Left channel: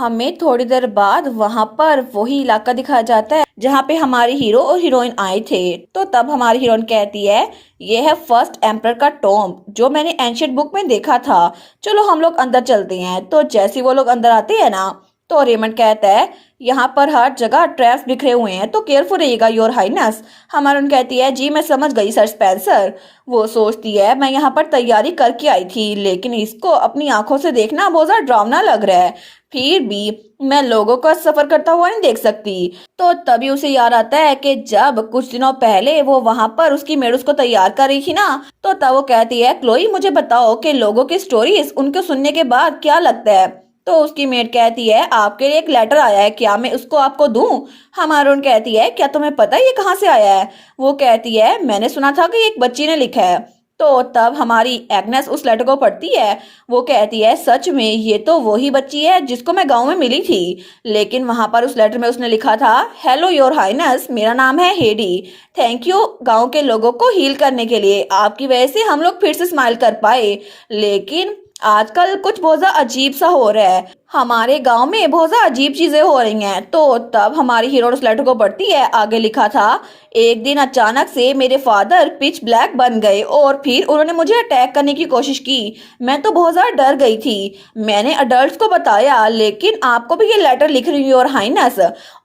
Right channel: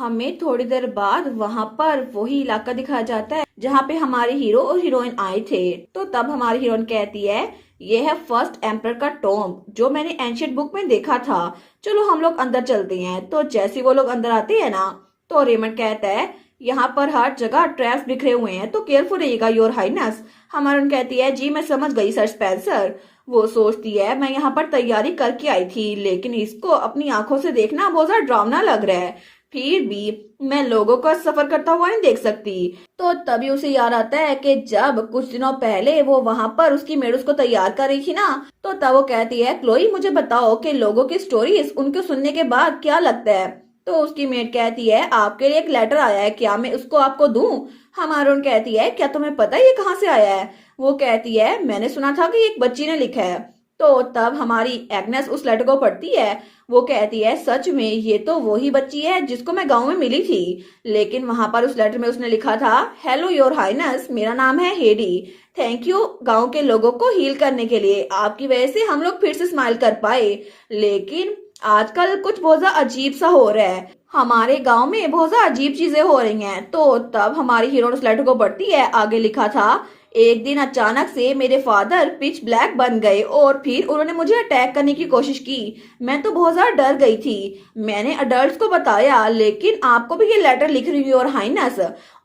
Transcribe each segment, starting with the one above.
हमें थोड़ी देर बाद वहां पर वही इलाका दिखाया जाता है जहाँ पे हमारे हीरो और हीरोइन आए थे। तो तब हमारी हीरोइन कहती है, ये है फर्स्ट एम्पर का टॉम्ब जो मैंने एंशियंट बुक में देखा था। चलो हम लोग अंदर चलते हैं। तो जैसे ही वो लोग अंदर आते हैं ना, तो रेमंड कहता है, यहाँ पर हर जगह ट्रैप्स बिखरे हुए हैं, तो केयरफुल रहिएगा योर हाइनेस। हमारी कहती है, जी मैं समझ गई सर स्पेंसर। वो सोचती है, मैं यहाँ पर तैयारी करके आई थी, लेकिन इसको अपनी आंखों से देखना बहुत ज्यादा डरावना लग रहा है। फिर भी मैं लोगों का सफर करता हुआ नहीं देख सकती। तो तभी उसे याद आता है कि जब कुछ दिनों पहले वो वहां पर उसकी मेड उसको तैयार कर रही थी ना, तो तब वो कहती है, क्लोई मुझे बताओ कि लोगों की स्टोरीज उनको सुनने के बाद क्या लगता है। तो उसकी मेड कहती है, आपके लिए एक लेटर आया है, क्या मैं उसको आपको दूं। हमारून कहती है, क्या तुम्हें पता है ये कहाँ से आया है। वो कहती है, मैंने सुना था कि एक बच्ची ने लिखा है। तो तब हमारी एग्नेस उस लेटर को पढ़ती है। वो कहती है, सच में ये तो वही बच्ची है जिसको मैं गांव में मिली थी। लेकिन वहां पर उस लेटर में उसने लिखा था, हेलो योर हाइनेस, मेरा नाम है हेडी। थैंक यू गांव के लोगों को हील करने के लिए, आपकी वजह से हम लोग फिर से स्माइल कर पाए। लेकिन आजकल कुछ बहुत ज्यादा अजीब सा हो रहा है, हमारे गांव में बहुत ज्यादा अजीब चीजें हो रही हैं। तो तब हमारी हीरो उस लेटर को पढ़ती है। आगे लिखा था, एक दिन अचानक से मेरे फादर पिच ब्लैक बन गए और फिर उन्होंने मुझे अटैक करने की कोशिश की। मैं तो बहुत ज्यादा डर गई थी। मैंने अडल्ट्स को बताया, लेकिन आपको भी ये लेटर लिख रही हूँ और हाइनेस,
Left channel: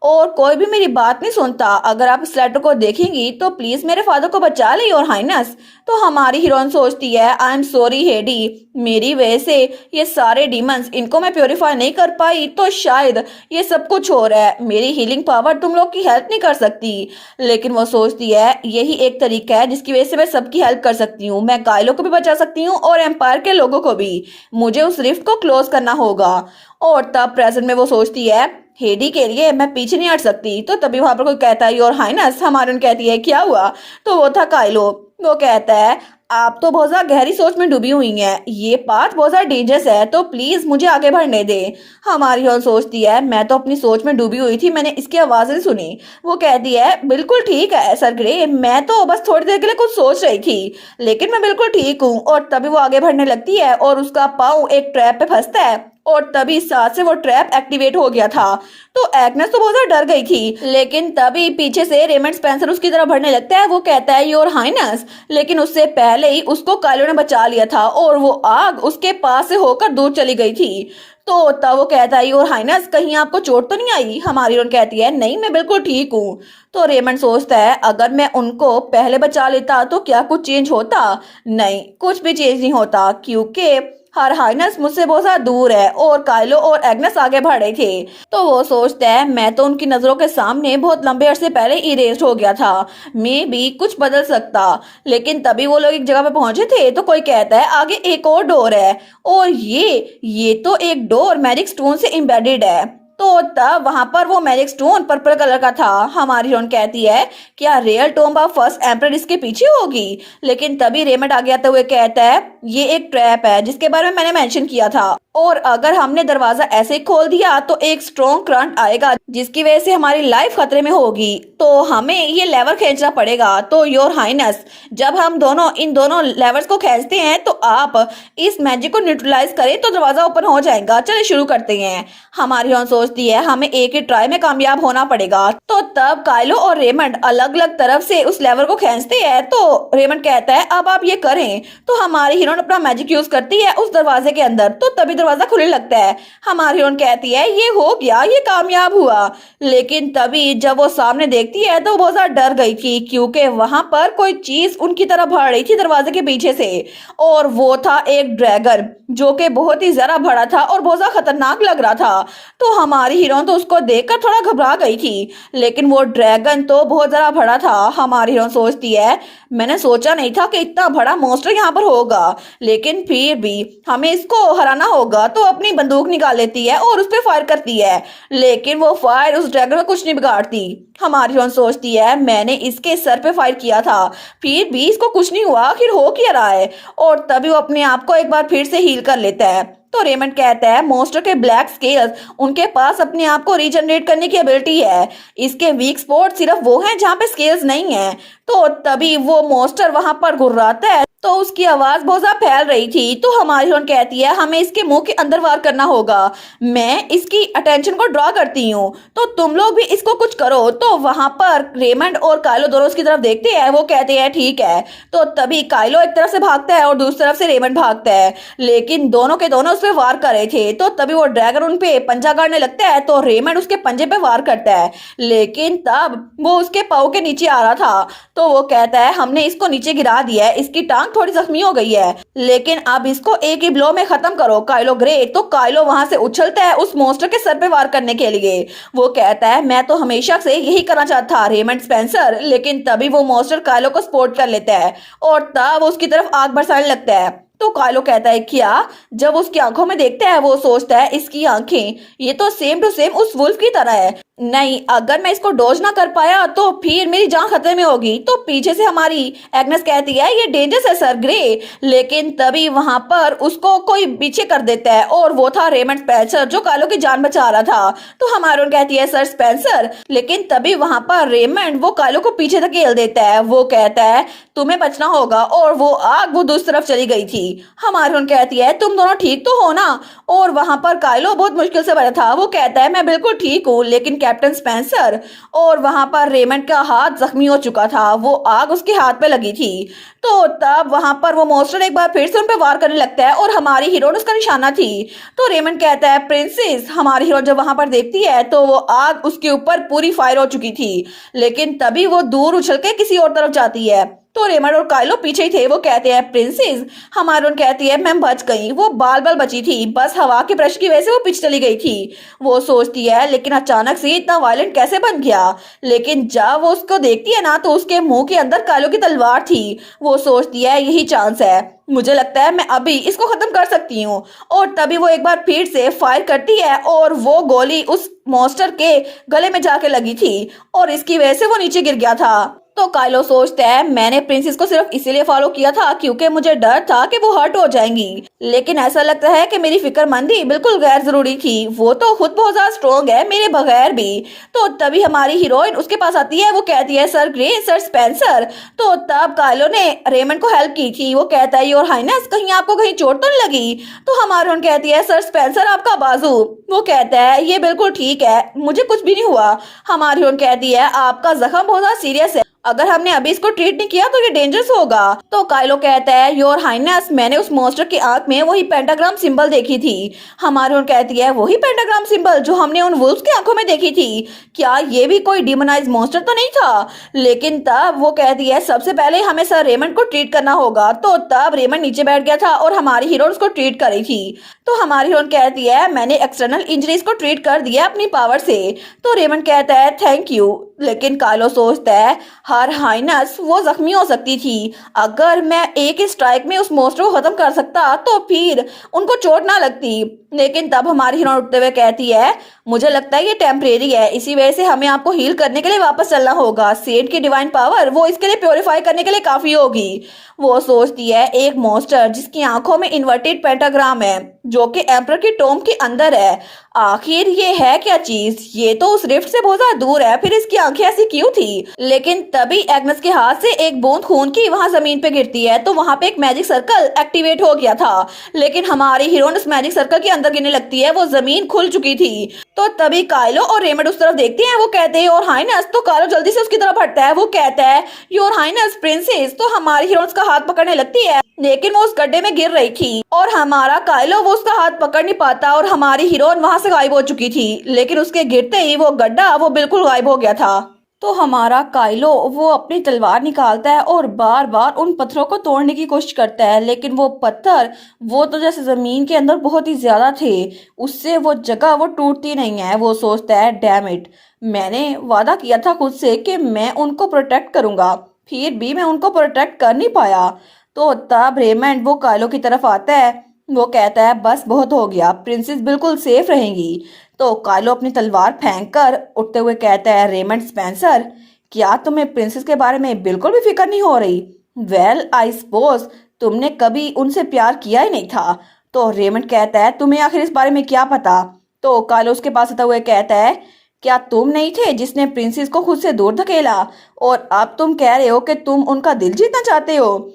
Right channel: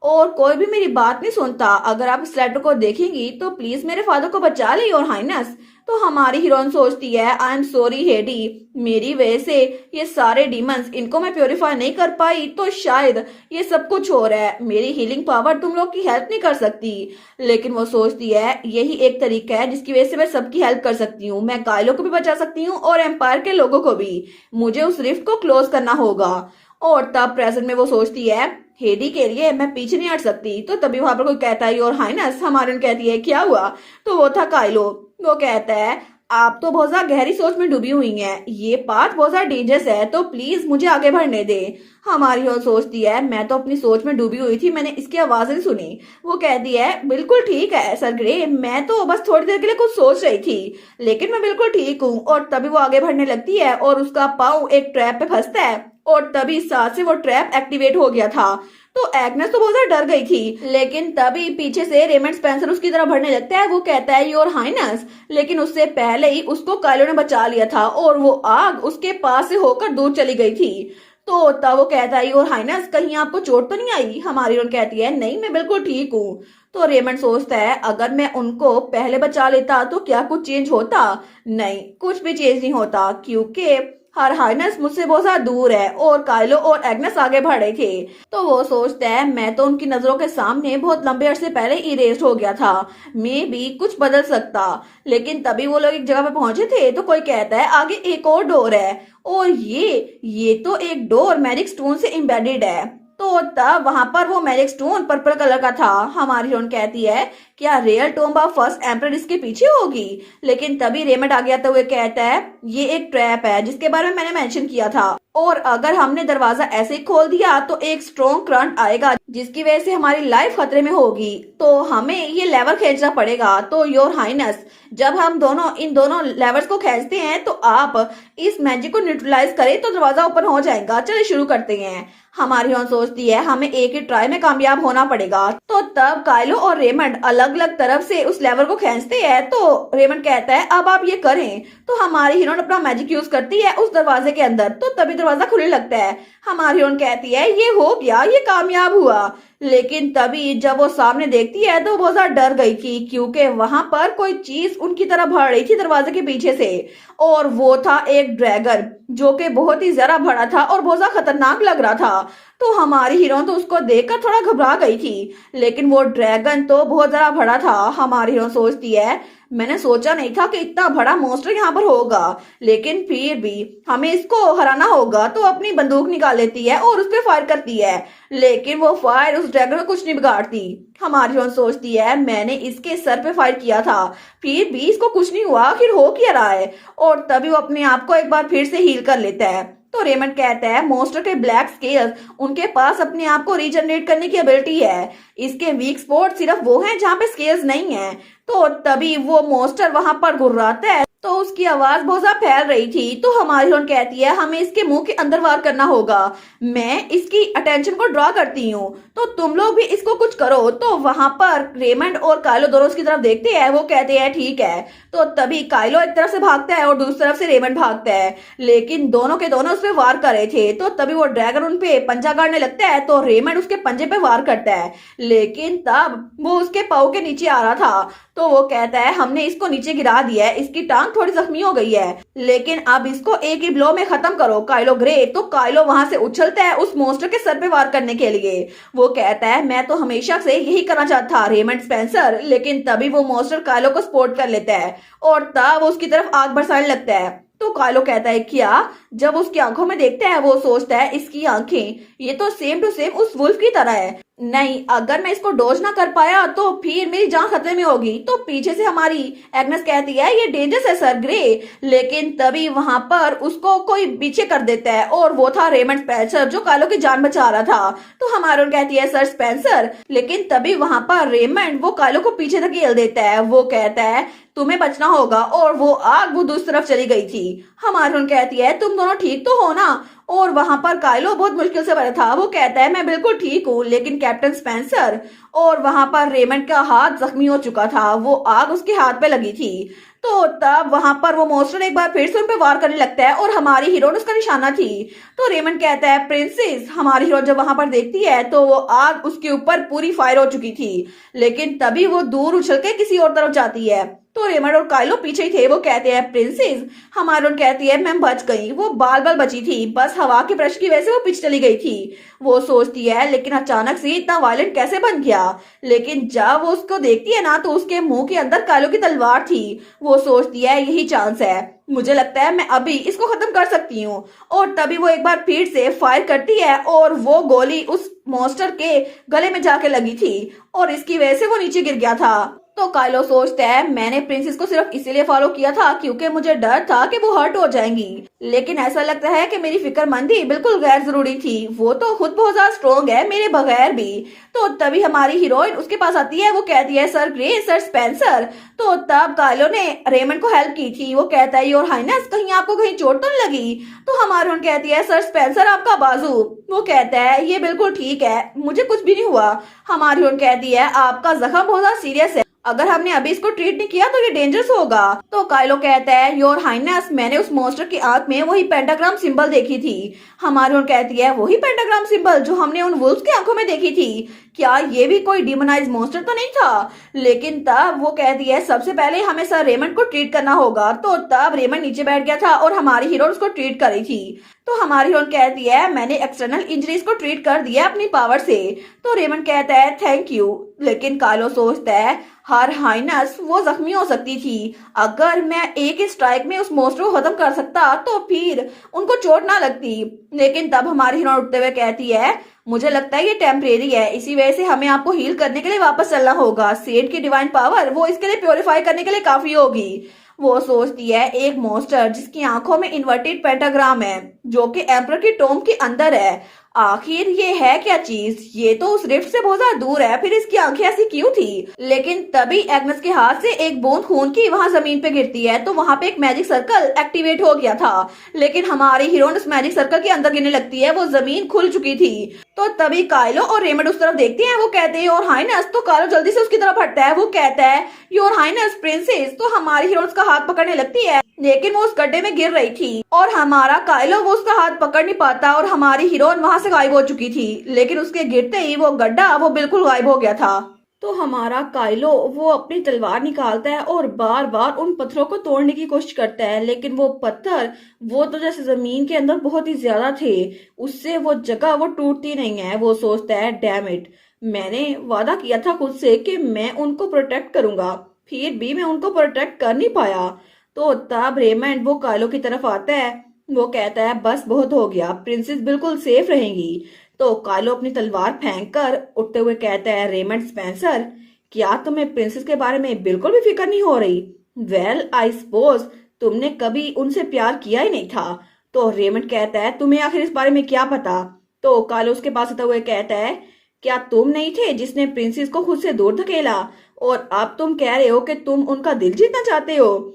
और कोई भी मेरी बात नहीं सुनता। अगर आप इस लेटर को देखेंगी तो प्लीज मेरे फादर को बचा ली और हाइनेस। तो हमारी हीरोइन सोचती है, आई एम सॉरी हेडी, मेरी वजह से ये सारे डीमंस, इनको मैं प्योरीफाई नहीं कर पाई, तो शायद ये सब कुछ हो रहा है। मेरी हीलिंग पावर तुम लोग की हेल्प नहीं कर सकती। लेकिन वो सोचती है, यही एक तरीका है जिसकी वजह से मैं सबकी हेल्प कर सकती हूँ। मैं काइलो को भी बचा सकती हूँ और एम्पायर के लोगों को भी। मुझे उस रिफ्ट को क्लोज करना होगा। और तब प्रेजेंट में वो सोचती है, हेडी के लिए मैं पीछे नहीं हट सकती। तो तभी वहां पर कोई कहता है, योर हाइनेस। हमारे कहती है, क्या हुआ। तो वो था काइलो। वो कहता है, आप तो बहुत ज्यादा गहरी सोच में डूबी हुई हैं, ये पाथ बहुत ज्यादा डेंजरस है, तो प्लीज मुझे आगे बढ़ने दे। हमारी और सोचती है, मैं तो अपनी सोच में डूबी हुई थी, मैंने इसकी आवाजें सुनी। वो कहती है, बिल्कुल ठीक है सर ग्रे, मैं तो बस थोड़ी देर के लिए कुछ सोच रही थी, लेकिन मैं बिल्कुल ठीक हूँ। और तभी वो आगे बढ़ने लगती है और उसका पाँव एक ट्रैप पे फंसता है और तभी साथ से वो ट्रैप एक्टिवेट हो गया था। तो एग्नेस तो बहुत ज्यादा डर गई थी, लेकिन तभी पीछे से रेमंड स्पेंसर उसकी तरफ बढ़ने लगता है। वो कहता है, योर हाइनेस, लेकिन उससे पहले ही उसको काइलो ने बचा लिया था और वो आग उसके पास से होकर दूर चली गई थी। तो तब वो कहता है, योर हाइनेस, कहीं आपको चोट तो नहीं आई। हमारी ओर कहती है, नहीं मैं बिल्कुल ठीक हूँ। तो रेमंड सोचता है, अगर मैं उनको पहले बचा लेता तो क्या कुछ चेंज होता। नहीं, कुछ भी चेंज नहीं होता, क्योंकि हर हाइनेस मुझसे बहुत ज्यादा दूर है और काइलो और एग्नेस आगे बढ़ रहे थे। तो वो सोचता है, मैं तो उनकी नजरों के सामने बहुत लंबे अरसे पहले इरेज हो गया था, मे भी कुछ बदल सकता। लेकिन तभी वो लोग एक जगह पे पहुंचे थे तो कोई कहता है, आगे एक और डोर है, और ये तो एक डोर मैजिक स्टोन से एम्बेडेड है। तो तब वहां पर वो मैजिक स्टोन पर्पल कलर का था। हमारी हीरोइन कहती है, क्या real tomb of first emperor इसके पीछे होगी। लेकिन तभी रेमंड आगे आते हुए कहता है, ये एक ट्रैप है जिसके बारे में मैंने मेंशन किया था, और अगर हमने दरवाजा ऐसे ही खोल दिया तो एक स्ट्रॉन्ग करंट आएगा जिसकी वजह से हमारी लाइफ खतरे में होगी, तो हमें ये लेवर खींचना पड़ेगा। तो योर हाइनेस, जब हम दोनों इन दोनों लेवर्स को खींचते हैं तो आप इस मैजिक को न्यूट्रलाइज करें तो दरवाजा ओपन हो जाएगा। चलिए शुरू करते हैं। हमारी हीरोइन सोचती है, हमें एक ही ट्राई में कामयाब होना पड़ेगा। तो तब काइलो और रेमंड अलग अलग तरफ से उस लेवर को खींचते हैं। तो रेमंड कहता है, अब आप ये करें। तो हमारी हीरोइन अपना मैजिक यूज करती है उस दरवाजे के अंदर, तो तभी दरवाजा खुलने लगता है। हमारी हीरोइन कहती है, ये हो गया, ये कामयाब हुआ। लेकिन तभी जब वो सामने देखती है तो बहुत ज्यादा डर गई थी, क्योंकि वहां पर कोई चीज उनकी तरफ बढ़ रही थी दरवाजे के पीछे से, और वो था एक ड्रैगन जो कि बहुत ही जरा बड़ा था और बहुत ज्यादा खतरनाक लग रहा था। तो हमारी हीरोइन तो उसको देखकर थोड़ा घबरा गई थी, लेकिन वो ड्रैगन तो बहुत ज्यादा बड़ा था। हमारी हीरोइन सोचती है, मैंने सोचा नहीं था कि इतना बड़ा मॉन्स्टर यहाँ पर होगा, लेकिन फिर भी हमें इसको हराना होगा। तो अपनी बंदूक निकाल लेती है और उस पर फायर करती है, लेकिन वो फायर उस ड्रैगन में कुछ नहीं बिगाड़ती। हमारी हीरोइन सोचती है, मैंने इसके सर पे फायर किया था, फिर भी इसको कुछ नहीं हुआ, आखिर हो क्या रहा है। और तभी वो अपने आप को एक बार फिर से हील कर लेता है। तो रेमंड कहता है, मॉन्स्टर के ब्लैक स्केल्स, उनके पास अपने आप को रीजनरेट करने की एबिलिटी है। इसके वीक स्पॉट सिर्फ वो हैं जहाँ पे स्केल्स नहीं है। तो तभी वो मॉन्स्टर वहां पर घुर्राता है। तो उसकी आवाज बहुत ज्यादा फैल रही थी। तो हमारी हीरोइन कहती है हमें इसके मुंह के अंदर वार करना होगा, मैं इसकी अटेंशन को ड्रॉ करती हूँ, तो तुम लोग भी इसको कुछ करो। तो वहां पर रेमंड और काइलो दोनों उसकी तरफ देखते हैं, वो कहते हैं ठीक है। तो तभी काइलो एक तरफ से भागता है और दूसरी तरफ से रेमंड भागता है, लेकिन दोनों के दोनों उस पर वार कर रहे थे। तो तभी वो ड्रैगन उन पे पंजा गाड़ने लगता है, तो रेमंड उसके पंजे पे वार करता है, लेकिन तब वो उसके पाँव के नीचे आ रहा था। तो वो कहता है हमने इसको नीचे गिरा दिया है, इसकी टांग थोड़ी जख्मी हो गई है, लेकिन अब इसको एक ही ब्लो में खत्म करो काइलो ग्रे। तो काइलो वहां से उछलता है उस मॉन्स्टर के सर पे वार करने के लिए। वो कहता है मैं तो हमेशा से यही करना चाहता था रेमंड स्पेंसर, लेकिन तभी वो मॉन्स्टर काइलो को स्पोर्ट कर लेता है और तब वो उसकी तरफ आग बरसाने लगता है। तो काइलो कहता है क्या? जब उसकी आंखों में देखता है वो सोचता है इसकी आंखें ये तो सेम टू सेम उस वुल्फ की तरह है, नहीं अगर मैं इसको डोज ना कर पाया तो फिर मेरी जान खतरे में होगी। तो पीछे से हमारी एग्नेस कहती है ये डेंजरस है सर ग्रे, लेकिन तभी वहां पर उसको कोई पीछे कर देता है और वो था रेमंड स्पेंसर जो काइलो की जान बचा रहा था। तो हमारी कहती है सर स्पेंसर, लेकिन तभी वहां पर रेमंड वो काइलो को पीछे धकेल देता है। वो कहता है तुम्हें बचना होगा और वो आग वो दूसरी तरफ चली गई थी। हमारी कहती है तुम दोनों ठीक तो हो ना? और वहां पर काइलो बहुत मुश्किल से बचा था, वो कहता है मैं बिल्कुल ठीक हूँ, लेकिन कैप्टन स्पेंसर। और वहां पर रेमंड का हाथ जख्मी हो चुका था, वो आग उसके हाथ पे लगी थी। तो तब वहां पर वो मॉन्स्टर एक बार फिर से उन पे वार करने लगता है और हमारी हीरोइन उसका निशाना थी। तो रेमंड कहता है प्रिंसेस। हमारी हीरोइन जब वहां पर देखती है तो वो आग उसके ऊपर पूरी फायर हो चुकी थी, लेकिन तभी वो दूर उछल के किसी और तरफ जाती है। तो रेमंड और काइलो पीछे ही थे, वो कहते हैं प्रिंसेस। हमारी कहती है मैं बच गई, वो बाल बाल बची थी, बस हवा के ब्रश की वजह से वो पीछे चली गई थी। वो सोचती है लेकिन अचानक से इतना वायलेंट कैसे बन गया, लेकिन जब वो उसको देखती है ना तो उसके मुंह के अंदर काइलो की तलवार थी। वो सोचती है यही चांस है, मुझे लगता है मैं अभी इसको खत्म कर सकती हूँ। और तभी वो एक बार फिर से फायर करती है और वो गोली उस मॉन्स्टर के गले में जाके लगी थी और इसकी वजह से वो नीचे गिर गया था। तो काइलो सोचता है मैंने प्रिंसेस को सिर्फ इसीलिए फॉलो किया था क्योंकि मुझे डर था कि वो हर्ट हो जाएंगी, लेकिन ऐसा लगता है कि मेरी फिक्रमंदी बिल्कुल गैर जरूरी थी, वो तो खुद बहुत ज्यादा स्ट्रॉन्ग है मेरे बगैर भी। तो तभी हमारी हीरोइन उसके पास आती है, वो कहती है सर ग्रे सर स्पेंसर। तो तब काइलो ने रेमंड को हेल्प की थी, वो कहता है योर हाइनेस कहीं आपको कहीं चोट तो नहीं लगी? तो हमारी हीरोइन कहती है सर स्पेंसर आपका बाजू। वो कहता है ये बिल्कुल ठीक है, मुझे कुछ भी नहीं हुआ। हमारी हीरोइन कहती है आपका जख्म बहुत ज्यादा सीरियस है, अगर हमने अभी इसको ट्रीट नहीं किया तो ये डेंजरस होगा। तो काइलो कहता है योर हाइनेस मैंने उस मॉन्स्टर की आंख में वही पेंटाग्राम सिंबल देखी थी। हमारी कहती है वही पेंटाग्राम सिंबल जो हमने उन वुल्फ्स की आंखों में देखी थी, क्या ये भी कोई डिमोनाइज मॉन्स्टर तो नहीं था? लेकिन तब वो कहती है सबसे पहले हमें सर रेमंड को ट्रीट करना होगा। तो तब रेमंड नीचे बैठ गया था और हमारी हीरोइन उसको ट्रीट कर रही थी। तो हमारी हीरोइन कहती है मैंने एक्सटर्नल इंजरीज को ट्रीट कर दिया अपनी पावर से। तो रेमंड कहता है थैंक यू, लेकिन काइलो सोचता है हर हाइनस वो जख्मी हो सकती थी, अगर मैं एक ही स्ट्राइक में उस मॉन्स्टर को खत्म कर सकता तो फिर उनको चोट ना लगती। लेकिन तब हमारी हीरोइन उठते हुए कहती है मुझे लगता है ये टेम्परेरी है, इसी वजह से हमें आपको हील करने के लिए वापस चलना होगा, सेंट की डिवाइन पावर वो इसके लिए प्योरीफाई करने के लिए काफी होगी। वो सोचती है एक मॉन्स्टर जिसकी आंखों में इन्वर्टेड पेंटाग्राम है जो कि एम्परर की टोम के अंदर है, आखिर ये है क्या चीज? ये तो उस रिफ्ट से बहुत ज्यादा दूर है, फिर इसकी आंखें ऐसी क्यों थी? लेकिन तभी एग्नेस के हाथ से एक बूंद खून की वहां जमीन पे गिरती है, तो वहां पे एक मैजिक सर्कल एक्टिवेट हो गया था, लेकिन हमारी हीरोइन उस मैजिक सर्कल के अंदर गिरने लगती है, वो जमीन खुल चुकी थी। तो तभी काइलो और रेमंड उस तरफ देखते हैं, वो कहते हैं योर हाइनेस। तो काइलो जल्दी से उसकी तरफ हटता है, वो कहता है योर हाइनेस प्रिंसेस। तो हमारी हीरोइन उसका हाथ पकड़ने लगती है, लेकिन वो उस गड्ढे में गिर रही थी और हमारा काइलो वो उसका हाथ पकड़ नहीं पाता और हमारी हीरोइन वहां से गायब हो चुकी थी, लेकिन उसके गिरते ही वो गड्ढा वो बिल्कुल गायब हो गया था। तो हमारा काइलो वो अपनी तलवार निकालता है और बार बार उन पत्थरों को तोड़ने की कोशिश करता है, लेकिन वो पत्थर वो तो जैसे जमीन के अंदर बहुत ही ज्यादा थे, उससे वो जगह वो टूटती नहीं है। वो सोचता है डैम इट, मैंने वादा किया था खुद से कि मैं उनको प्रोटेक्ट करूंगा, फिर भी मैं उनको प्रोटेक्ट कर नहीं पाया। तो तब रेमंड वो काइलो की तरफ आता है, वो कहता है बस बहुत हो गया, प्रिंसेस बिल्कुल सेफ रहेंगी। तो काइलो अपनी तलवार फेंक कर उठते हुए कहता है रेमंड स्पेंसर क्या तुम्हें प्रिंसेस के बारे में बिल्कुल भी फिक्र नहीं हो रही? वेल आई सपोज तुमने कभी उनसे प्यार किया ही नहीं था। तो रेमंड कहता है तुम्हें आखिर इस बारे में क्या पता? तो काइलो उसके पास आता हुए कहता है क्या तुम नहीं थे जिसने प्रिंसेस को खुद से दूर धकेला, और अब तुम कह रहे हो कि तुम उनका दिल जीतना चाहते हो?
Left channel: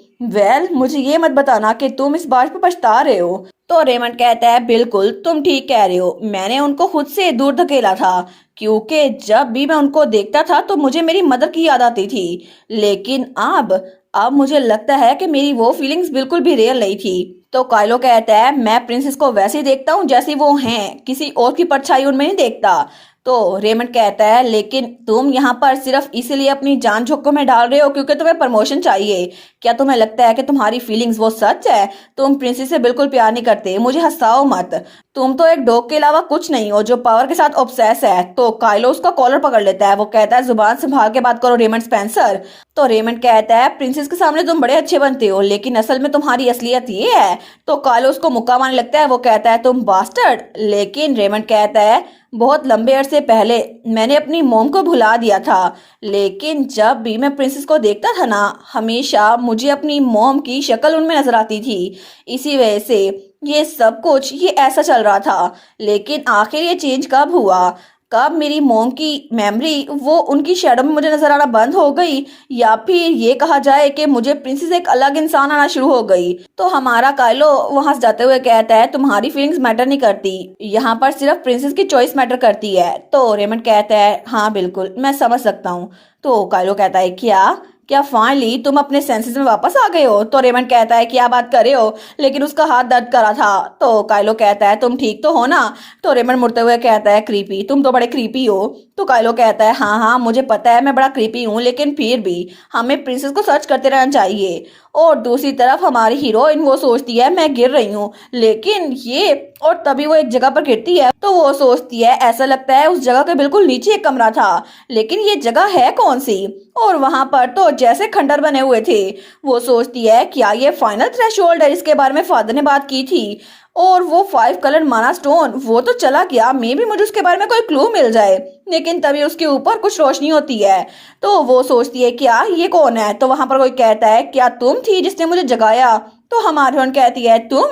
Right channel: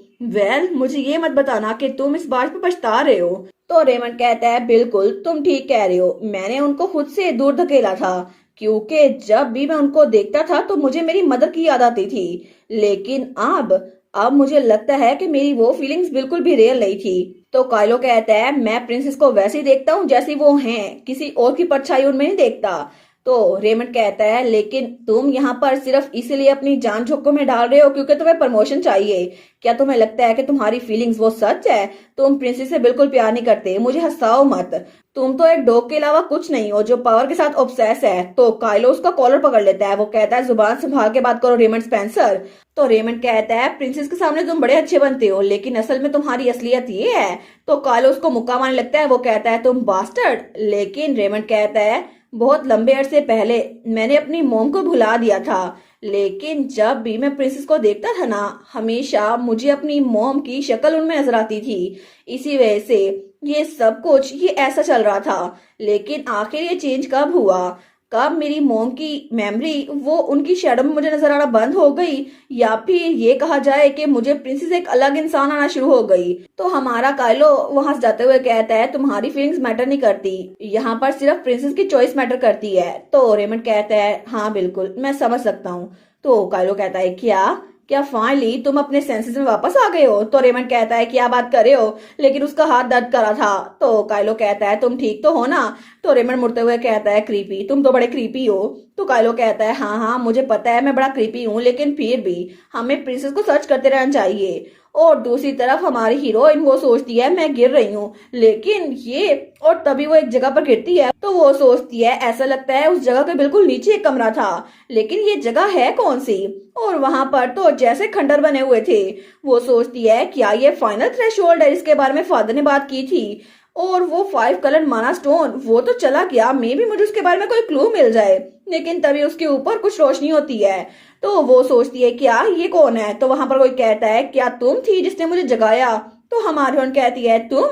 मुझे ये मत बताना कि तुम इस बात पर पछता रहे हो। तो रेमंड कहता है, बिल्कुल तुम ठीक कह रहे हो, मैंने उनको खुद से दूर धकेला था, क्योंकि जब भी मैं उनको देखता था तो मुझे मेरी मदर की याद आती थी। लेकिन अब मुझे लगता है कि मेरी वो फीलिंग्स बिल्कुल भी रियल नहीं थी। तो काइलो कहता है, मैं प्रिंसेस को वैसे ही देखता हूँ जैसी वो हैं, किसी और की परछाई उनमें नहीं देखता। तो रेमंड कहता है, लेकिन तुम यहाँ पर सिर्फ इसीलिए अपनी जान जोखिम में डाल रहे हो क्योंकि तुम्हें प्रमोशन चाहिए। क्या तुम्हें लगता है कि तुम्हारी फीलिंग्स वो सच है? तुम प्रिंसेस से बिल्कुल प्यार नहीं करते, मुझे हंसाओ मत। तुम तो एक डॉग के अलावा कुछ नहीं हो जो पावर के साथ ऑब्सेस है। तो काइलो उसका कॉलर पकड़ लेता है। वो कहता है, जुबान संभाल के बात करो रेमंड स्पेंसर। तो रेमंड कहता है, प्रिंसेस के सामने तुम बड़े अच्छे बनते हो, लेकिन असल में तुम्हारी असलियत ये है। तो काइलो उसको मुक्का मारने लगता है। वो कहता है, तुम बास्टर्ड। लेकिन रेमंड कहता है, बहुत लंबे अरसे पहले मैंने अपनी मोम को भुला दिया था, लेकिन जब भी मैं प्रिंसेस को देखता था ना, हमेशा मुझे अपनी मोम की शक्ल उनमें नजर आती थी। इसी वजह से ये सब कुछ ये ऐसा चल रहा था। लेकिन आखिर ये चेंज कब हुआ? कब मेरी मोम की मेमोरी वो उनकी शैडो में मुझे नजर आना बंद हो गई, या फिर ये कहा जाए कि मुझे प्रिंसेस एक अलग इंसान आना शुरू हो गई? तो हमारा काइलो वहां से जाते हुए कहता है, तुम्हारी फीलिंग्स मैटर नहीं करती, यहाँ पर सिर्फ प्रिंसेस की चॉइस मैटर करती है। तो रेमंड कहता है, हाँ बिल्कुल मैं समझ सकता हूँ। तो काइलो कहता है, क्या क्या फाइनली तुम अपने सेंसेस में वापस आ गए हो? तो रेमंड कहता है, क्या बात कर रहे हो, लेकिन उसका हाथ दर्द कर रहा था। तो काइलो कहता है, तुम ठीक तो हो ना? तो रेमंड मुड़ते हुए कहता है, क्रीपी, तुम तो बड़े क्रीपी हो। तो काइलो कहता है, हाँ हाँ मुझे पता है मैं बड़ा क्रीपी हूँ, लेकिन फिर भी हमें प्रिंसेस को सर्च करते रहना चाहिए। और दूसरी तरफ हमारी हीरोइन वो सोचती है मैं गिर रही हूँ, लेकिन ये, और तभी वो एक जगह पर गिरती है तो वो सोचती है ऐसा लगता है उस जगह के बिल्कुल नीचे एक कमरा था, लेकिन ये जगह है कौन सी? और वहां पर तो जैसे खंडर बने हुए थे। वो सोचती है क्या ये फाइनल थ्रेशोल्ड है जिसके बारे में फादर ने बात की थी? और वो 5 कलर माना स्टोन वो तो चला गया, मे भी मुझे उसके बारे में कोई क्लू मिल जाए। लेकिन तभी उसके ऊपर कुछ रोशनी होती है। तो वो सोचती है क्या ये कौन है? तो वहां पर कोई कहता है, क्या तुम थी जिसने मुझे जगाया? तो हमारी बहन कहती है, तुम?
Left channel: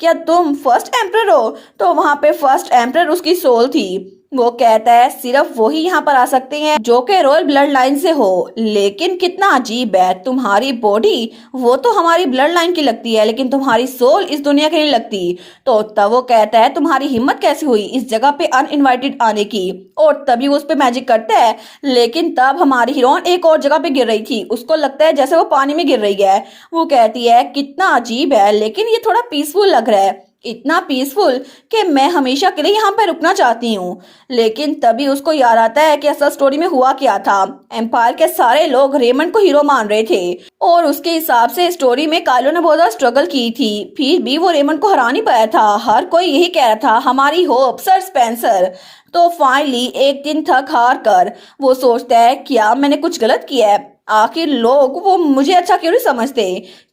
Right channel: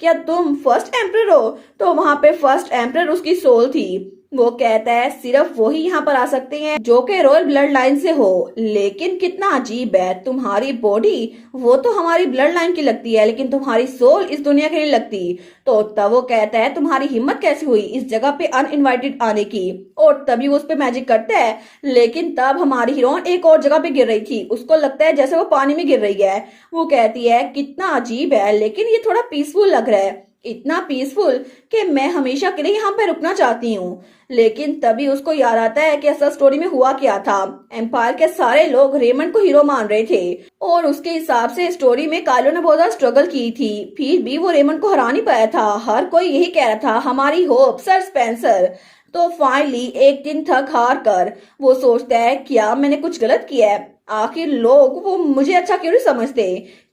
क्या तुम फर्स्ट एम्परर हो? तो वहां पे फर्स्ट एम्परर उसकी सोल थी। वो कहता है, सिर्फ वही यहाँ पर आ सकते हैं जो कि रॉयल ब्लड लाइन से हो। लेकिन कितना अजीब है, तुम्हारी बॉडी वो तो हमारी ब्लड लाइन की लगती है, लेकिन तुम्हारी सोल इस दुनिया की नहीं लगती। तो तब वो कहता है, तुम्हारी हिम्मत कैसे हुई इस जगह पे अनइनवाइटेड आने की? और तभी वो उस पे मैजिक करता है। लेकिन तब हमारी हीरोइन एक और जगह पे गिर रही थी, उसको लगता है जैसे वो पानी में गिर रही है। वो कहती है, कितना अजीब है, लेकिन ये थोड़ा पीसफुल लग रहा है, इतना पीसफुल कि मैं हमेशा के लिए यहाँ पे रुकना चाहती हूँ। लेकिन तभी उसको याद आता है कि असल स्टोरी में हुआ क्या था। एम्पायर के सारे लोग रेमंड को हीरो मान रहे थे, और उसके हिसाब से स्टोरी में काइलो ने बहुत ज्यादा स्ट्रगल की थी, फिर भी वो रेमंड को हरा नहीं पाया था। हर कोई यही कह रहा था, हमारी होप सर स्पेंसर। तो फाइनली एक दिन थक हार कर वो सोचता है, क्या मैंने कुछ गलत किया है? आखिर लोग वो मुझे अच्छा क्यों नहीं समझते?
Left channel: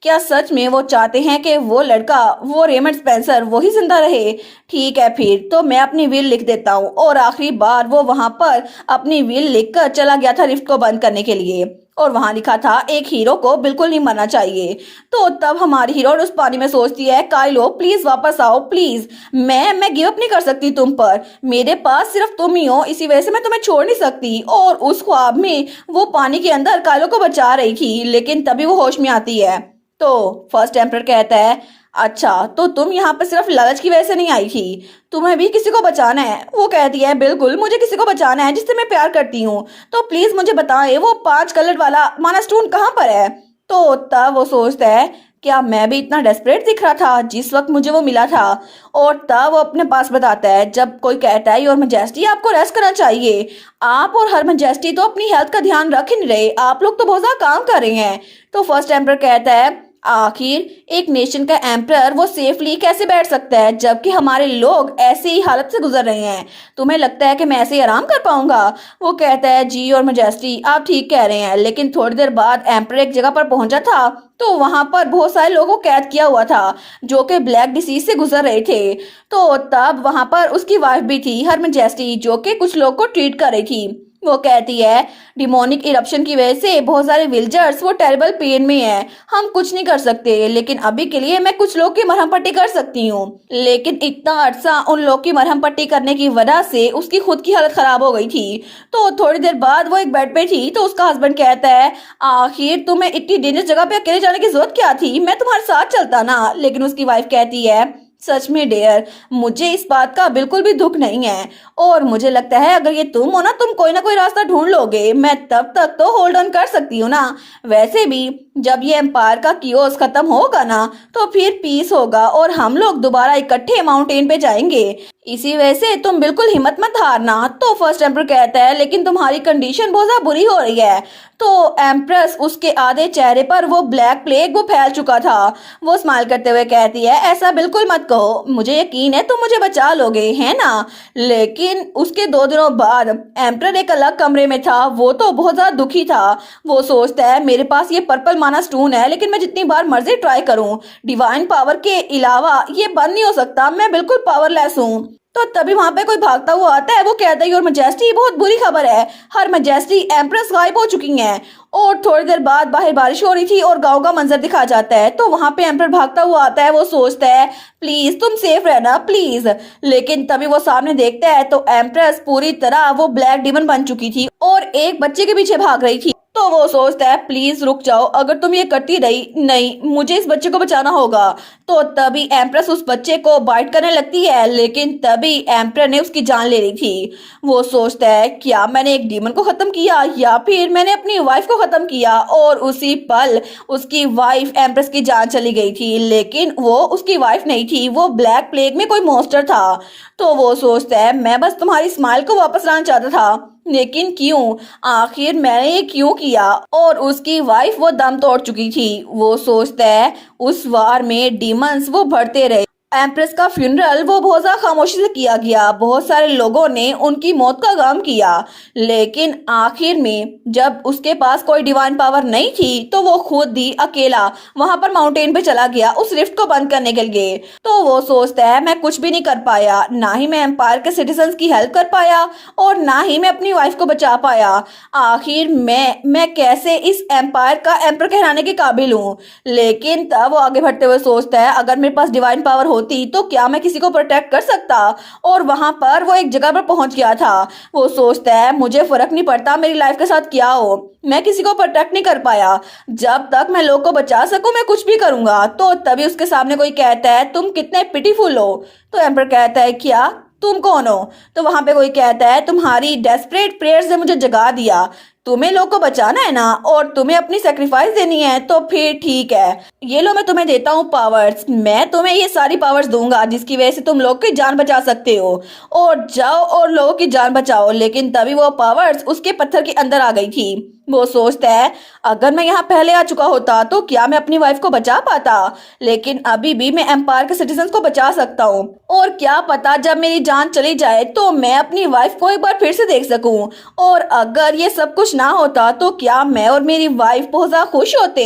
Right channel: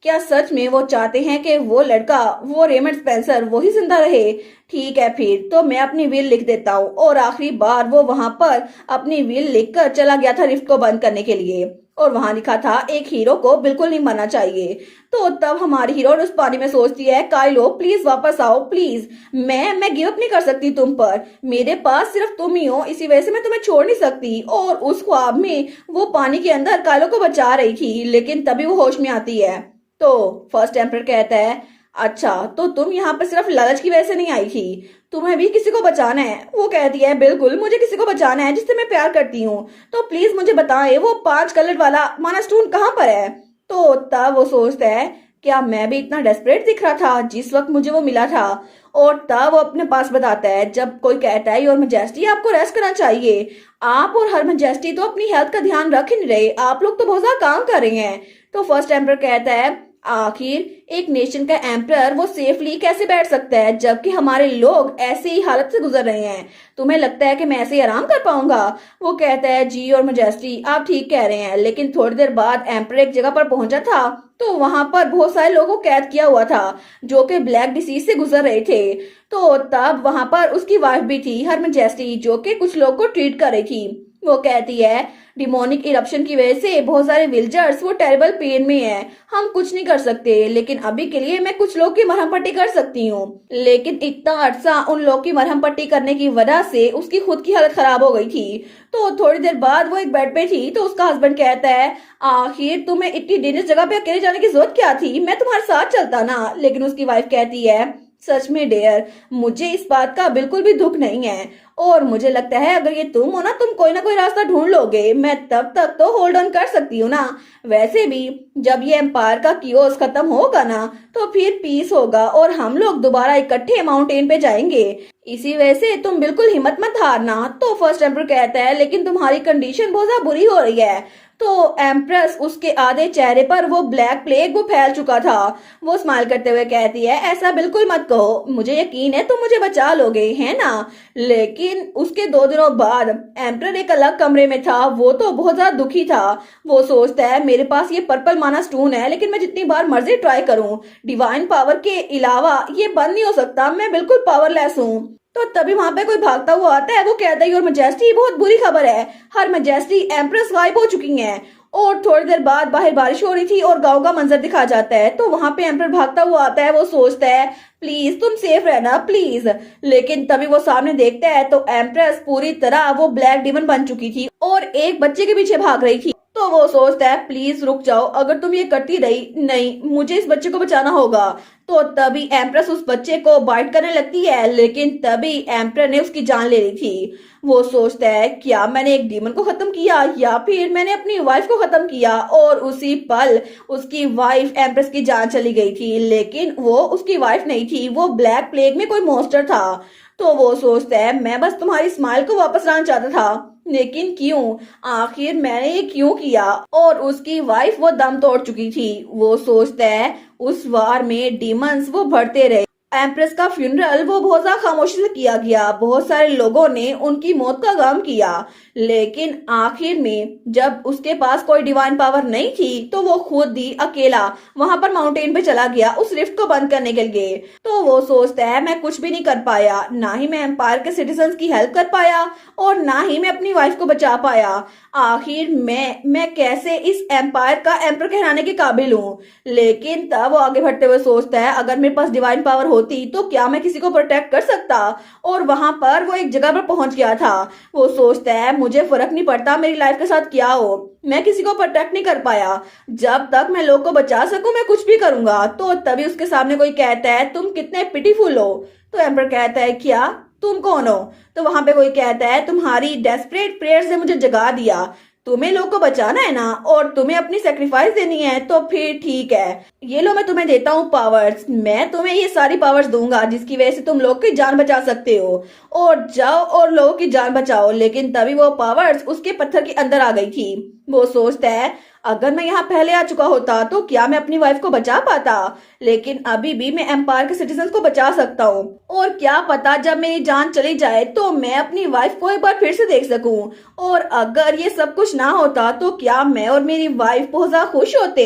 क्या सच में वो चाहते हैं कि वो लड़का, वो रेमंड स्पेंसर वही जिंदा रहे? ठीक है, फिर तो मैं अपनी विल लिख देता हूँ। और आखिरी बार वो वहां पर अपनी विल लिखकर चला गया था रिफ्ट को बंद करने के लिए, और वहां लिखा था, एक हीरो को बिल्कुल नहीं मरना चाहिए। तो तब हमारी हीरो उस पानी में सोचती है, काइलो प्लीज वापस आओ प्लीज, मैं गिव अप नहीं कर सकती तुम पर, मेरे पास सिर्फ तुम ही हो, इसी वजह से मैं तुम्हें छोड़ नहीं सकती। और उस ख्वाब में वो पानी के अंदर काइलो को बचा रही थी, लेकिन तभी वो होश में आती है। तो फर्स्ट एम्परर कहता है, अच्छा तो तुम यहाँ पे सिर्फ लालच की वजह से नहीं आई थी, तुम्हें भी किसी को बचाना है? वो कहती है, बिल्कुल मुझे किसी को बचाना है जिससे मैं प्यार करती हूँ, तो प्लीज मुझे बताएं वो 5 कलर वाला माना स्टोन कहाँ पर है? तो तब वो सोचता है, क्या मैं भी इतना डेस्परेट दिख रहा था जिस वक्त मुझे वो मिला था? और तब वो अपने पास बताता है, जब कोई कहता है, योर मैजेस्टी आपको रेस्ट करना चाहिए, आप और हर मैजेस्टी तो अपनी हेल्थ का ध्यान रख ही नहीं रहे, आप लोग तो बहुत ज्यादा काम कर रहे हैं। तो फर्स्ट एम्परर कहता है, आखिर एक नेशन का एम्परर वो सेफली कैसे बैठ सकता है जबकि हमारे लोग ऐसी ही हालत से गुजर रहे हैं? तुम्हें लगता है कि मैं ऐसे ही आराम कर पाऊंगा? वो कहता है, जी और मैजेस्टी आप ठीक कह रहे हैं, लेकिन थोड़ी देर बाद एम्परर एक जगह पर पहुंचा था तो वहां पर बहुत सारे लोगों को कैद किया हुआ था जो कि ब्लैक डिसीज से गुजर रहे थे। तो तब वहां पर उसकी वाइफ भी थी, हर मैजेस्टी, जो कि कुछ लोग को ट्रीट कर रही थी। वो कहती है डिमोनिक इरप्शन की वजह से बहुत सारे विल्जर्स वो टेरिबल पेन में हैं। हम कुछ नहीं कर सकते, लेकिन अभी के लिए मैं कुछ लोग की मरहम पट्टी कर सकती हूँ। लेकिन इतना अरसा उन लोग की मरहम पट्टी करने की वजह से उसकी खुद की हालत खराब हो गई थी। तो थोड़ी देर बाद वो एक बेड पे थी तो उसका हस्बैंड कहता है आखिर तुम्हें इतनी डेंजरस जगह पे अकेले जाने की जरूरत क्या थी, मैं तुम्हारे साथ चलता ना। लेकिन उसकी वाइफ कहती है सच में डियर, मुझे इस बात का बिल्कुल भी दुख नहीं है और मुझे लगता है अगर ये तुम हो ना, तुम कोई ना कोई रास्ता ढूंढ लोगे। मैं तब तक तो होल्ड ऑन कर सकती हूँ ना। वैसे भी जब ये एम्पायर का कियोस खत्म होगा ना तो फिर पीस होगा और हम लोग दोबारा इकट्ठे माउंटेन पे जाएंगे। इसी वजह से तुम बिल्कुल हिम्मत मत हारना। तो फर्स्ट एम्पर कहता है लेकिन तुम्हारी कंडीशन बहुत ज्यादा बुरी हो रही है। तो एम्प्रेस उसके आधे चेहरे पर वो ब्लैक प्लेग वो फैल चुका था। वो स्माइल करते हुए कहती है ऐसा बिल्कुल मत कहो, मुझे यकीन है तुम मुझे बचा लोगे, है ना। लेकिन उसके 2 दिनों बाद एम्पर एक अलग कमरे में था। वो तो बहुत ज्यादा दुखी था। वो सोचता है मेरे पास ये पर्पल माना स्टोन है, लेकिन मैं जितनी बार मर्जी ट्राई करूं डिवाइन पावर के अलावा ये बंद नहीं हो सकता। मैं बिल्कुल पावरलेस हूँ। तो तभी वहां पे कोई भागता हुआ आता है। वो कहता है योर मैजेस्टी, बहुत बुरी खबर है, हर मैजेस्टी एम्प्रेस गायब हो चुकी हैं। और थोड़ी देर बाद बाहर बारिश हो रही थी और गांव का मंजर दिखा जाता है। तो वहां पे एम्पर भागता हुआ आता है। वो सोचता है प्लीज तुम सेफ रहना प्लीज। लेकिन तभी वो सामने देखता है तो एम्प्रेस पूरी तरह वो ब्लैक डिमन बन चुकी थी और एक बच्चे के पीछे भाग रही थी। तो वो सोचता है प्लीज रुक जाओ, अगर तुम ये करती रही, नहीं मुझे इस बच्चे को बचाना होगा। तो तभी एम्प्रेस उस बच्चे को बाइट करने लगती है, लेकिन तभी एम्पर ने उसकी जान ले ली थी। वो सोचता है क्या मैंने एक डीमन को खत्म किया या फिर मैंने अपनी वाइफ को खत्म किया। और उसी पल उसकी वाइफ एम्प्रेस की जान चली गई थी, लेकिन वो उसकी वाइफ नहीं थी, वो ब्लैक प्लेग में कोई मॉन्स्टर था। तो वो सोचता है मैं बस तुम्हारी स्माइल को वापस लाना चाहता था, लेकिन क्यों, आखिर मैंने ये क्यों किया। और उसकी वाइफ वो दम तोड़ चुकी थी। वो सोचता है उस वार में डीमंस वो बढ़ते रहे। एम्प्रेस का फ्यूनरल वो बहुत ज्यादा खामोशी से किया गया। बहुत सारे लोगों ने उनकी मौत का गम किया, लेकिन आखिर में जब उसके पास कोई डिवाइन पावर नहीं थी तो वो खुद ही अकेला वहां पर माउंटेन पे चला गया उस रिफ्ट को बंद करने के लिए। तो वो सोचता है मैं कुछ भी नहीं कर पाया, ना ही मैं एम्पायर के सिटीजन्स की हेल्प कर पाया और ना ही मैं अपनी वाइफ को बचा पाया। आखिर मैं कैसे इस एम्पायर का एम्पर कहलाने के काबिल हूँ। लेकिन तब वो आगे बढ़ते हुए सोचता है अगर मेरे पास डिवाइन पावर होती तो क्या मैं किसी को प्रोटेक्ट कर सकता। और वहां पर वो एक जगह पर पहुंच गया था। वो सोचता है मुझे फर्क नहीं पड़ता मेरी लाइफ के साथ क्या हो, मैं किसी को प्रोटेक्ट नहीं कर पाया, जब तक मैं लोग को बचा सकूं मैं कुछ भी करूंगा। तो तभी उसके सामने कोई कहता है तुम कितने पिटीफुल हो। तो एम्पर कहता है क्या, तुम कौन हो। तो वहां पे कोई कहता है तुम्हारी डेस्परेट प्रेयर्स ने मुझे जगा दिया, तुम्हें लोग को बचाना है ना और तुम्हें अपनी सेक्रीफाइस देनी है, तो फिर ठीक है, ये लो मैं तुम्हें देता हूँ पावर्स। मैं तुम्हें ये सारी पावर्स दूंगा जिसकी वजह से तुम लोग की जान बचा सकते हो और जाओ और लोगों की जान बचाओ। लेकिन तभी वो पावर्स उसके पत्थर के अंदर आ गई थी। वो सोचता है अगर मैं यहाँ पहले आ चुका होता तो क्या मैं अपनी वाइफ को बचा पाता, लेकिन अभी भी मैं एम्पायर के सिटीजन्स को बचा सकता हूँ। और क्या पता जब मेरी जान चली जाए तो मैं अपनी वाइफ को एक बार फिर से देख सकूं। और अगर ये सब कुछ ना होता तो क्या मैं और मेरी वाइफ बहुत ज्यादा खुश होते।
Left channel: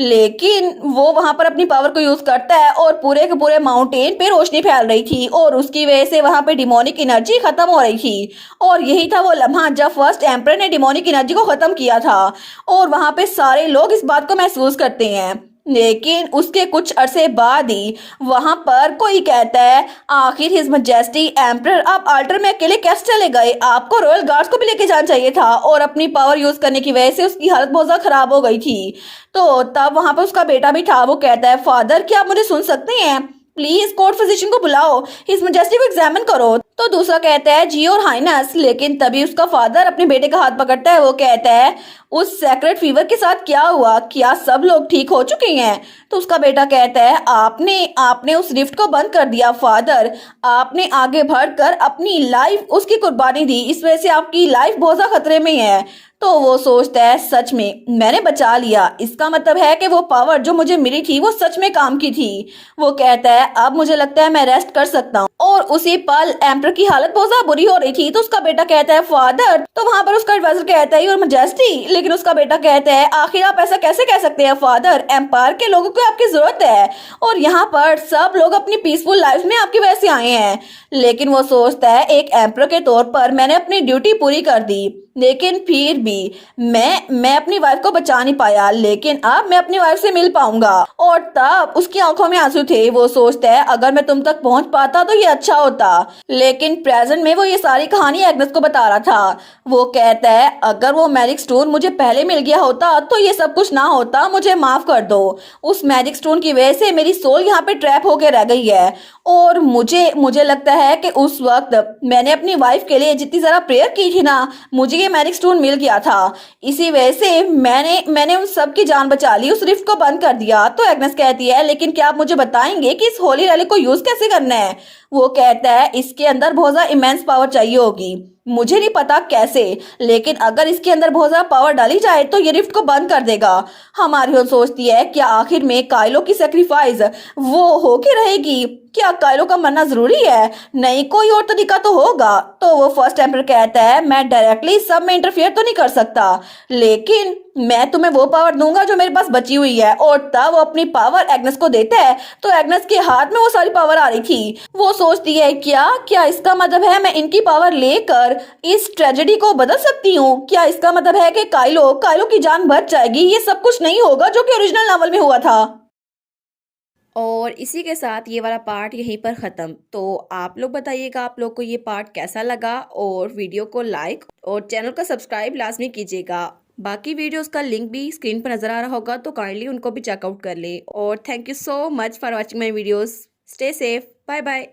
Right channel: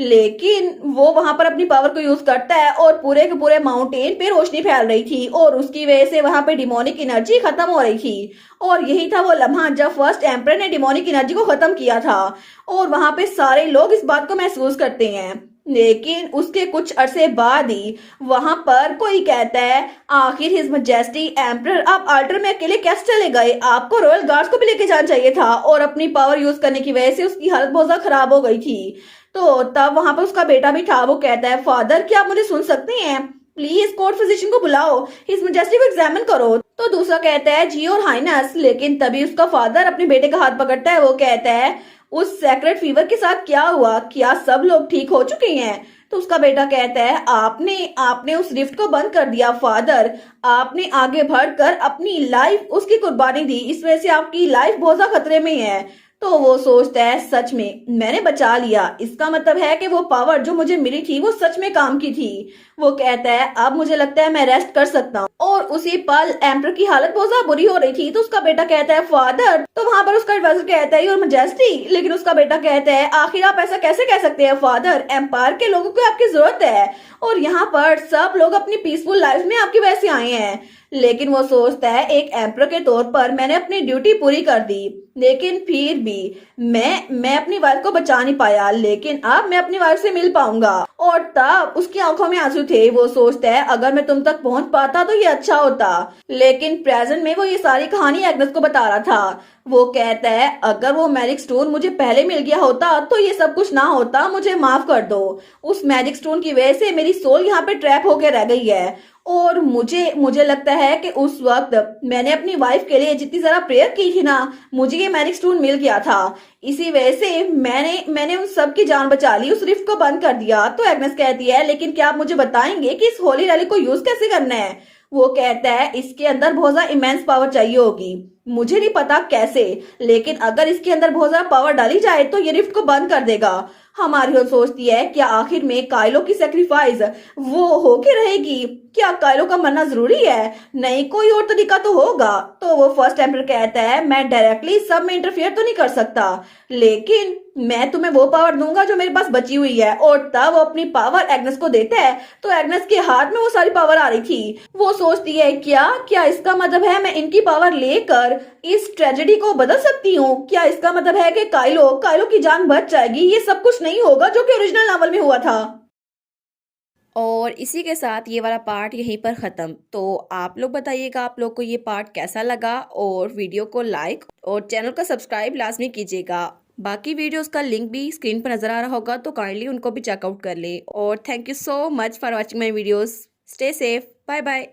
लेकिन वो वहां पर अपनी पावर को यूज करता है और पूरे के पूरे माउंटेन पे रोशनी फैल रही थी और उसकी वजह से वहां पे डिमोनिक एनर्जी खत्म हो रही थी। और यही था वो लम्हा जब फर्स्ट एम्पर ने डिमोनिक एनर्जी को खत्म किया था। और वहां पे सारे लोग इस बात को महसूस करते हैं। लेकिन उसके कुछ अरसे बाद ही वहां पर कोई कहता है आखिर हिज मैजेस्टी एम्परर आप अल्टर में अकेले कैसे चले गए, आपको रॉयल गार्ड्स को भी लेके जाना चाहिए था। और अपनी पावर यूज करने की वजह से उसकी हालत बहुत ज्यादा खराब हो गई थी। तो तब वहां पर उसका बेटा भी था। वो कहता है फादर क्या आप मुझे सुन सकते हैं, प्लीज कोर्ट फिजिशियन को बुलाओ, हिज मैजेस्टी को एग्जामिन करो। तो दूसरा कहता है जी और हाइनस। लेकिन तभी उसका फादर अपने बेटे का हाथ पकड़ता है। वो कहता है उस सेक्रेट फीवर के साथ क्या हुआ, क्या सब लोग ठीक हो चुके हैं। तो उसका बेटा कहता है आपने उस रिफ्ट को बंद कर दिया फादर, आपने आगे बढ़कर अपनी लाइफ उसकी कुर्बानी दी, इस वजह से आपकी लाइफ बहुत ज्यादा खतरे में है। तो वो सोचता है सच में मैंने बचा लिया, इसका मतलब है कि वो पावर जो मुझे मिली थी वो सच में काम की थी। वो कहता है अब मुझे लगता है मैं रेस्ट कर सकता हूँ। और उसी पल एम्पर की हालत बहुत ज्यादा बुरी हो रही थी। तो उसका बेटा कहता है फादर, तो वहां पर उसका एडवाइजर कहता है योर मैजेस्टी, लेकिन उसका बेटा कहता है आखिर आप ऐसा कैसे कह सकते हैं फादर, एम्पायर के लोगों को आपकी जरूरत है और यहाँ पर सब लोग अपनी पीसफुल लाइफ में आपकी वजह से आए हैं। लेकिन वो सोचता है एक एम्पर के तौर पर मैंने अपनी ड्यूटी पूरी कर दी, लेकिन फिर भी मैं अपनी वाइफ को बचा नहीं पाया, लेकिन अब मैं अपनी वाइफ से मिल पाऊंगा। और तब उसकी आंखों में आंसू थे। वो सोचता है अगर मैं तुम तक पहुंच पाता तो ये अच्छा होता, लेकिन प्रेजेंट में वो ये सारी कहानी एग्नेस को बता रहा था। वो कहता है अगर वो मैजिक स्टोन मुझे पहले मिल गया होता तो ये सब कुछ ना होता, मुझे माफ कर दो। उस मैजिक स्टोन की वजह से मेरी सोल यहाँ पे ट्रैप होकर रह गई है और मुझे मुझे लगता है कि उस वक्त मैंने अपनी वाइफ के लिए जितनी ज्यादा प्रेयर की थी ना, मुझे ये मैजिक स्टोन मिल गया था। इसी वजह से मैंने उन सब की जान बचा ली, उस रिफ्ट को बंद कर दिया। तो एग्नेस कहती है लेकिन क्या आप मुझे बताएंगे कि इस होली रैली को यूज कैसे करना है। वो कहता है इसके अंदर बहुत ज्यादा इमेंस पावर चाहिए होगी, मुझे नहीं पता कैसे, लेकिन अगर इसके अंदर बहुत ज्यादा पावर डाली जाए तो ये रिफ्ट को बंद कर देगा। हमारी सोचती है क्या आखिर में काइलो की सेक्रीफाइस वो होके रहेगी, क्या काइलो का मरना जरूरी है, नहीं कोई और तरीका तो होगा। तो वो फर्स्ट एम्पर कहता है मैं डायरेक्टली सब में इंटरफेयर तो नहीं कर सकता, लेकिन मैं तुम्हें वो पावर दूंगा जो मेरे पास बची हुई है। और तब वो अपनी पावर एग्नेस को देता है तो एग्नेस के हाथ में वो सारी पावर आ रही थी। वो सोचती है क्या क्या इसका मतलब है मैं इनकी पावर लेकर इस ट्रेजेडी को बदल सकती हूँ, क्या इसका मतलब है कि काइलो काइलो की जान बच जाएगी। ये सब कुछ नहीं होगा जो कि ओरिजिनल नॉवल में हुआ था। और इसी के साथ ये वाला पार्ट यहीं पर ख़त्म। तो आप लोग बताइएगा आप लोग को ये पार्ट कैसा लगा, और वीडियो को लाइक और चैनल को सब्सक्राइब लाजमी कीजिएगा। बाकी वीडियोस का लिंक भी स्क्रीन पर नज़र आ रहा होगा, तो काइंडली उनको भी चेकआउट कर ले। और thank you so much for watching my videos. Stay safe, bye bye.